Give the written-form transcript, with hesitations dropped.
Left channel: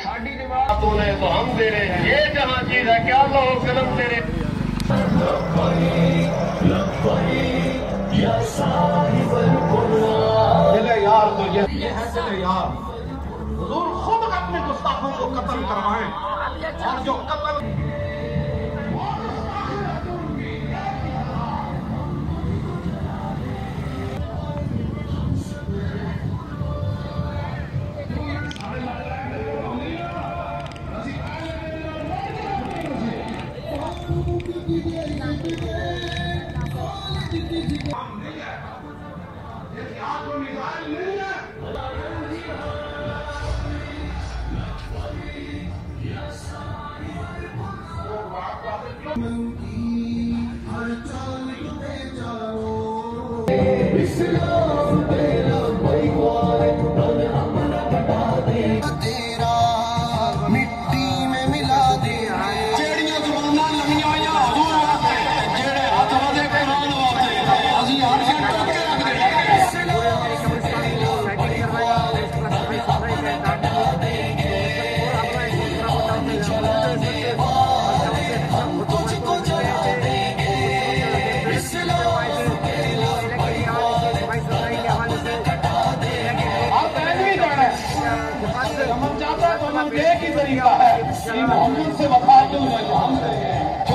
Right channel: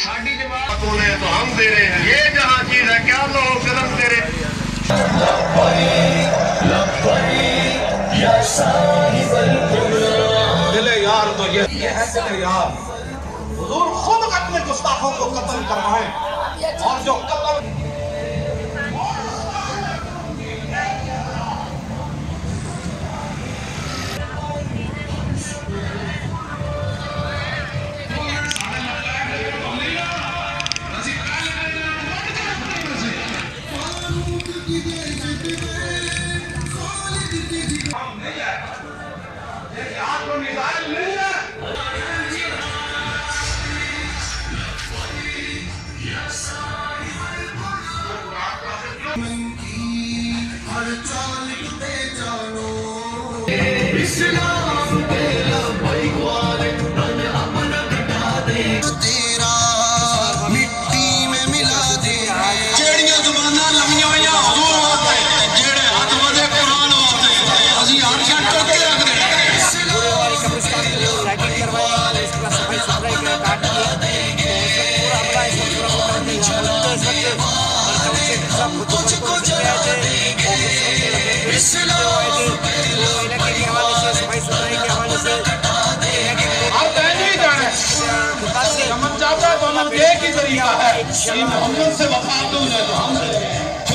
साड़ी जमात तूने तो हम दे रहे हैं, ये जहाँ चीज है क्या लो कदम तेरे। दिले यार तो ये है दिले यार। हुजूर खुद अपने गुस्ताखों को कत्ल करवाएं और जो कत्ल एक ही तरीका है, मोहम्मद से वफा तो हमसे